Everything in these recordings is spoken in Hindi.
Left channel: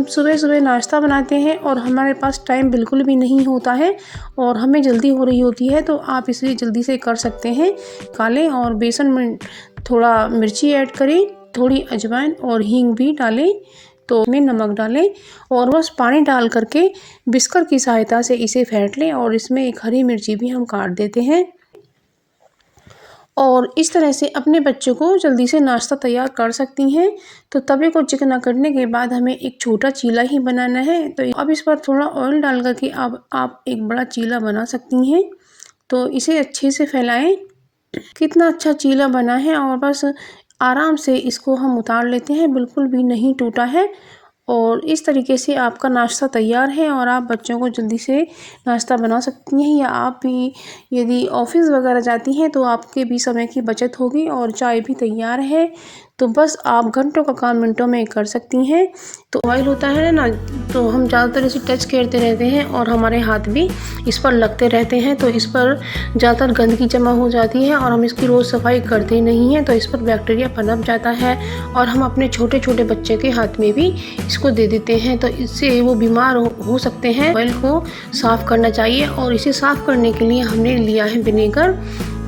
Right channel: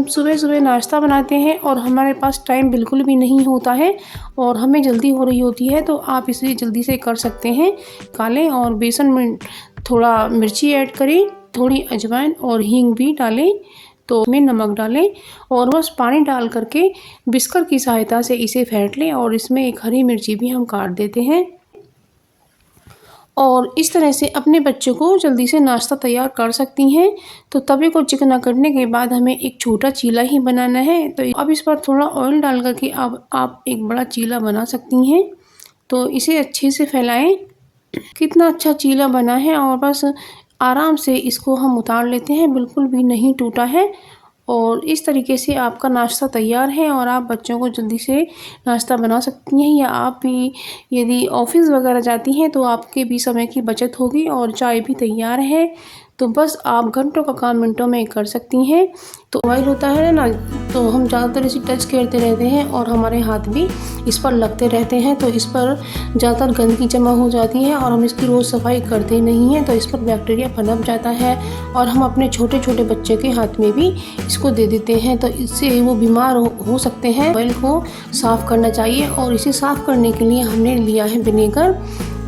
हम सुबह सुबह नाश्ता बनाते हैं और हमारे पास टाइम बिल्कुल भी नहीं होता है और हमें जल्दी हो रही होती है, तो आप इसे जल्दी से कर सकते हैं। कालें और बेसन में थोड़ा मिर्ची ऐड करें, थोड़ी अजवाइन और हींग भी डालें, तो इसमें नमक डालें और बस पानी डाल करके बिस्कर की सहायता से इसे फेंट लें और इसमें एक हरी मिर्ची भी हम काट देते हैं। और इस तरह से अपने बच्चों को जल्दी से नाश्ता तैयार कर सकती हैं। तो तवे को चिकना करने के बाद हमें एक छोटा चीला ही बनाना है, तो अब इस पर थोड़ा ऑयल डाल करके अब आप एक बड़ा चीला बना सकती हैं। तो इसे अच्छे से फैलाएं। कितना अच्छा चीला बना है और बस आराम से इसको हम उतार लेते हैं, बिल्कुल भी नहीं टूटा है। और इस तरीके से आपका नाश्ता तैयार है और आप बच्चों को जल्दी से नाश्ता बना सकती हैं, या आप भी यदि ऑफिस वगैरह जाती हैं तो आपके भी समय की बचत होगी और चाय भी तैयार है। तो बस आप घंटों का काम मिनटों में कर सकती हैं। तो ऑयल होता है ना, तो हम ज़्यादातर इसे टच करते रहते हैं और हमारे हाथ भी इस पर लगते रहते हैं, तो इस पर ज़्यादातर गंदगी जमा हो जाती है और हम इसकी रोज़ सफाई करते नहीं हैं, तो इस पर बैक्टीरिया पनप जाता है और हम अपने छोटे छोटे बच्चे के हाथ में भी इसको दे देते हैं, तो इससे वो बीमार हो सकते हैं। ऑयल को साफ़ करना चाहिए और इसे साफ़ करने के लिए हमने लिया है विनेगर,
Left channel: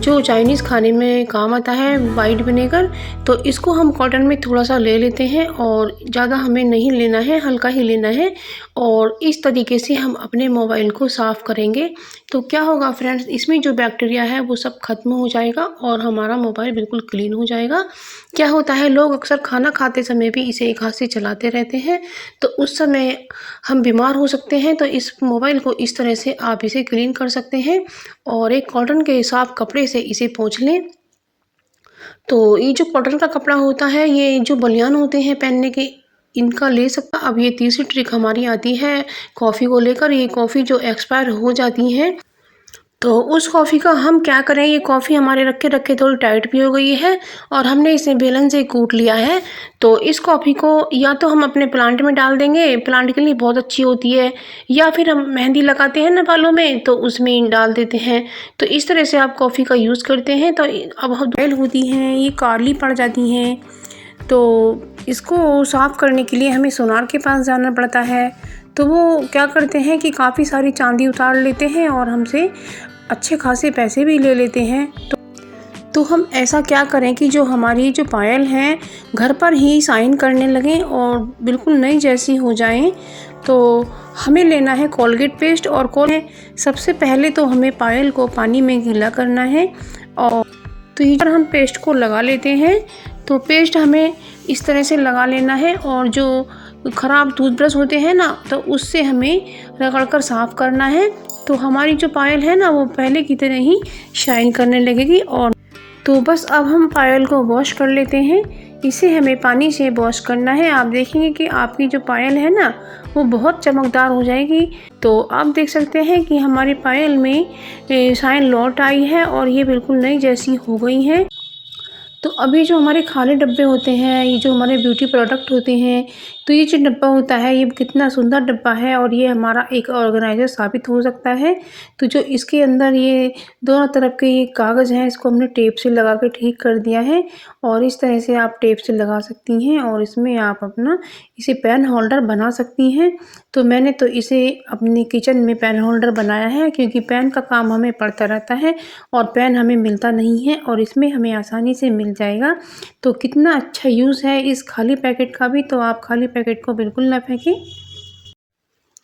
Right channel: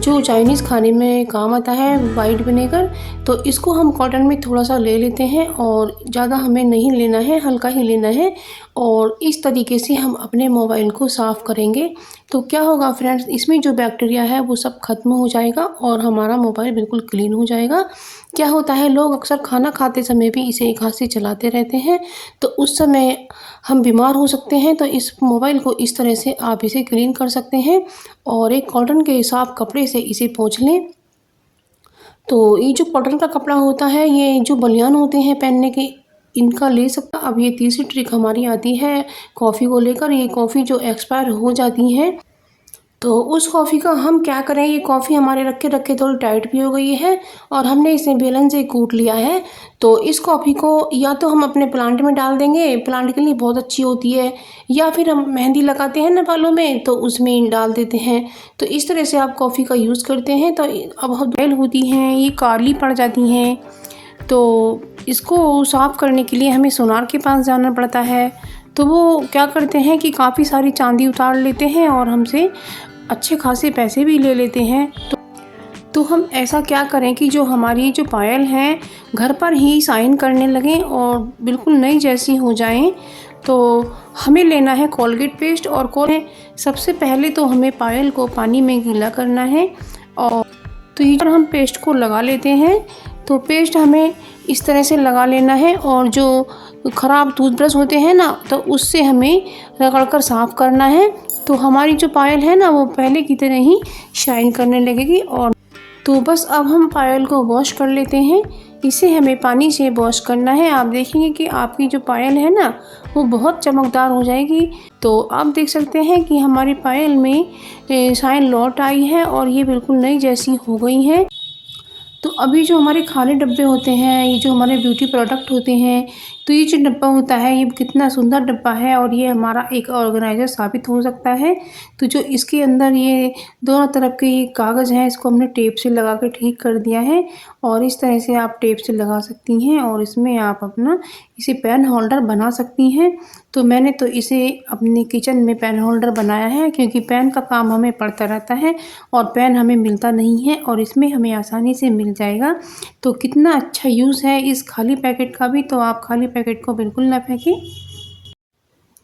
जो चाइनीज़ खाने में काम आता है, वाइट विनेगर। तो इसको हम कॉटन में थोड़ा सा ले लेते हैं और ज़्यादा हमें नहीं लेना है, हल्का ही लेना है। और इस तरीके से हम अपने मोबाइल को साफ़ करेंगे तो क्या होगा फ्रेंड्स, इसमें जो बैक्टीरिया है वो सब खत्म हो जाएगा और हमारा मोबाइल बिल्कुल क्लीन हो जाएगा। क्या होता है, लोग अक्सर खाना खाते समय भी इसे एक हाथ से चलाते रहते हैं, तो उस समय हम बीमार हो सकते हैं। तो इस मोबाइल को इस तरह से आप इसे क्लीन कर सकते हैं और एक कॉटन के साफ कपड़े से इसे पोंछ लें। तो ये जो कॉटन का कपड़ा होता है, ये जो बनियान होते हैं पहनने के, इनका ले सकता। अब ये तीसरी ट्रिक हमारी आती है कॉफ़ी को लेकर। ये कॉफ़ी जो एक्सपायर हो जाती है, तो उस कॉफ़ी का हम क्या करें, ये कॉफ़ी हमारे रखे रखे थोड़ी टाइट भी हो गई है और हमने इसे बेलन से कूट लिया है। तो इस कॉफ़ी को या तो हम अपने प्लांट में डाल देंगे, प्लांट के लिए बहुत अच्छी होती है, या फिर हम मेहंदी लगाते हैं ना बालों में, तो उसमें डाल देते हैं। तो इस तरह से आप कॉफ़ी का यूज़ करते हैं। तो अब बैल होती हैं, ये काली पड़ जाती हैं, तो इसको साफ़ करने के लिए हमें सोनार के पास जाना पड़ता है। तो वो क्या करते हैं कि काफ़ी सारी चांदी उतार लेते हैं और हमसे अच्छे खासे पैसे भी ले लेते हैं। तो हम ऐसा क्या करें कि जो हमारी जो पायल हैं घर पर ही शाइन करने लगें और बिल्कुल नई जैसी हो जाएं। तो हमें लेना है कोलगेट पेस्ट और सबसे पहले तो हमें पायल को पानी में गीला करना है और तो ये पर हम पेस्ट को लगा लेते हैं। तो पेस्ट हमें इस तरह से लगा लेना है और जो ख़राब टूथब्रश होते हैं ना, तो उससे हमें रगड़ कर साफ़ करना है। तो हमारी जो पायल है ना, वो पहले की तरह ही शाइन करने लगेगी। और तो बस अब हम पायल को वॉश कर लेते हैं। इसे हमें पानी से वॉश करना है। आप देखेंगे कि आपकी जो पायल है ना, वो बहुत चमकदार हो जाएगी। तो आप देख सकते हैं कि हमारी पायल में शाइन लौट आई है और ये बिल्कुल नई जैसी हो गई है। तो अभी जो हमारे खाली डब्बे होते हैं, ये जो हमारे ब्यूटी प्रोडक्ट होते हैं, तो ये जो डब्बा होता है, ये कितना सुंदर डब्बा है और ये हमारा एक ऑर्गेनाइज़र साबित हो सकता है। तो जो इसके अंदर ये दोनों तरफ के ये कागज़ हैं, इसको हमने टेप से लगा के ठीक कर दिया है और इस तरह से आप टेप से लगा सकती हैं और इसमें आप अपना इसे पेन होल्डर बना सकती हैं। तो मैंने तो इसे अपने किचन में पेन होल्डर बनाया है, क्योंकि पेन का काम हमें पड़ता रहता है और पेन हमें मिलता नहीं है और इसमें हमें आसानी से मिल जाएगा। तो कितना अच्छा यूज़ है इस खाली पैकेट का भी। तो आप खाली पैकेट को बिल्कुल ना फेंकें।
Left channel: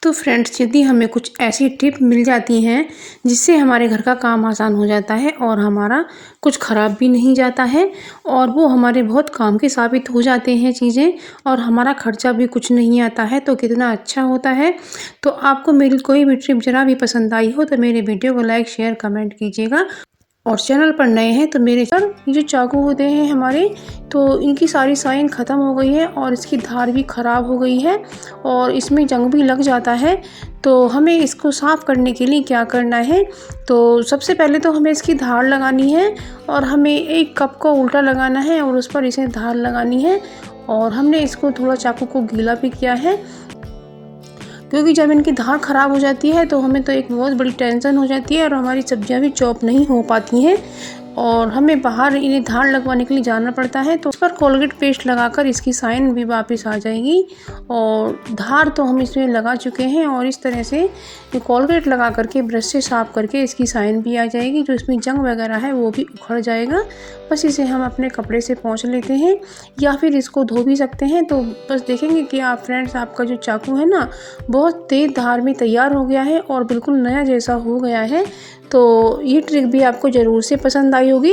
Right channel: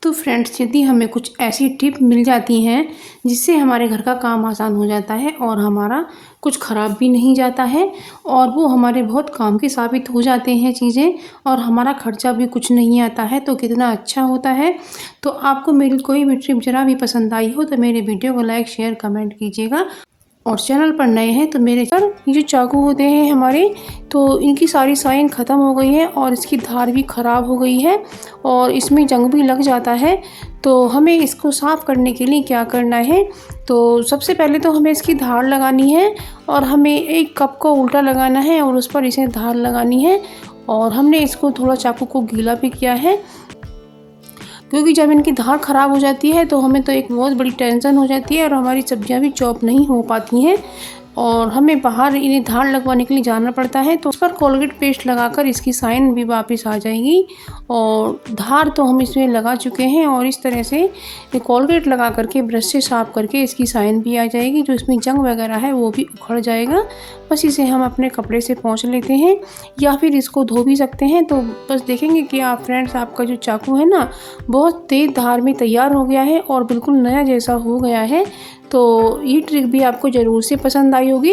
तो फ्रेंड्स, यदि हमें कुछ ऐसी टिप मिल जाती हैं जिससे हमारे घर का काम आसान हो जाता है और हमारा कुछ ख़राब भी नहीं जाता है और वो हमारे बहुत काम के साबित हो जाते हैं चीज़ें, और हमारा खर्चा भी कुछ नहीं आता है, तो कितना अच्छा होता है। तो आपको मेरी कोई भी टिप ज़रा भी पसंद आई हो तो मेरे वीडियो को लाइक शेयर कमेंट कीजिएगा। और चैनल पर नए हैं तो मेरे सर, ये जो चाकू होते हैं हमारे, तो इनकी सारी शाइन ख़त्म हो गई है और इसकी धार भी ख़राब हो गई है और इसमें जंग भी लग जाता है। तो हमें इसको साफ़ करने के लिए क्या करना है, तो सबसे पहले तो हमें इसकी धार लगानी है और हमें एक कप को उल्टा लगाना है और उस पर इसे धार लगानी है। और हमने इसको थोड़ा चाकू को गीला भी किया है, क्योंकि जब इनकी धार ख़राब हो जाती है तो हमें तो एक बहुत बड़ी टेंशन हो जाती है और हमारी सब्जियां भी चॉप नहीं हो पाती हैं। और हमें बाहर इन्हें धार लगवाने के लिए जाना पड़ता है, तो उस पर कोलगेट पेस्ट लगाकर इसकी साइन भी वापस आ जाएगी। और धार तो हम इसमें लगा चुके हैं और इस तरह से कोलगेट लगा करके ब्रश से साफ करके इसकी साइन भी आ जाएगी। जो इसमें जंग वगैरह है वो भी उखड़ जाएगा। बस इसे हम अपने कपड़े से पोंछ लेते हैं या फिर इसको धो भी सकते हैं। तो बस देखेंगे कि आप फ्रेंड्स, आपका जो चाकू है ना, बहुत तेज़ धार में तैयार हो गया है और बिल्कुल नया जैसा हो गया है। तो ये ट्रिक भी आपको ज़रूर से पसंद आई होगी।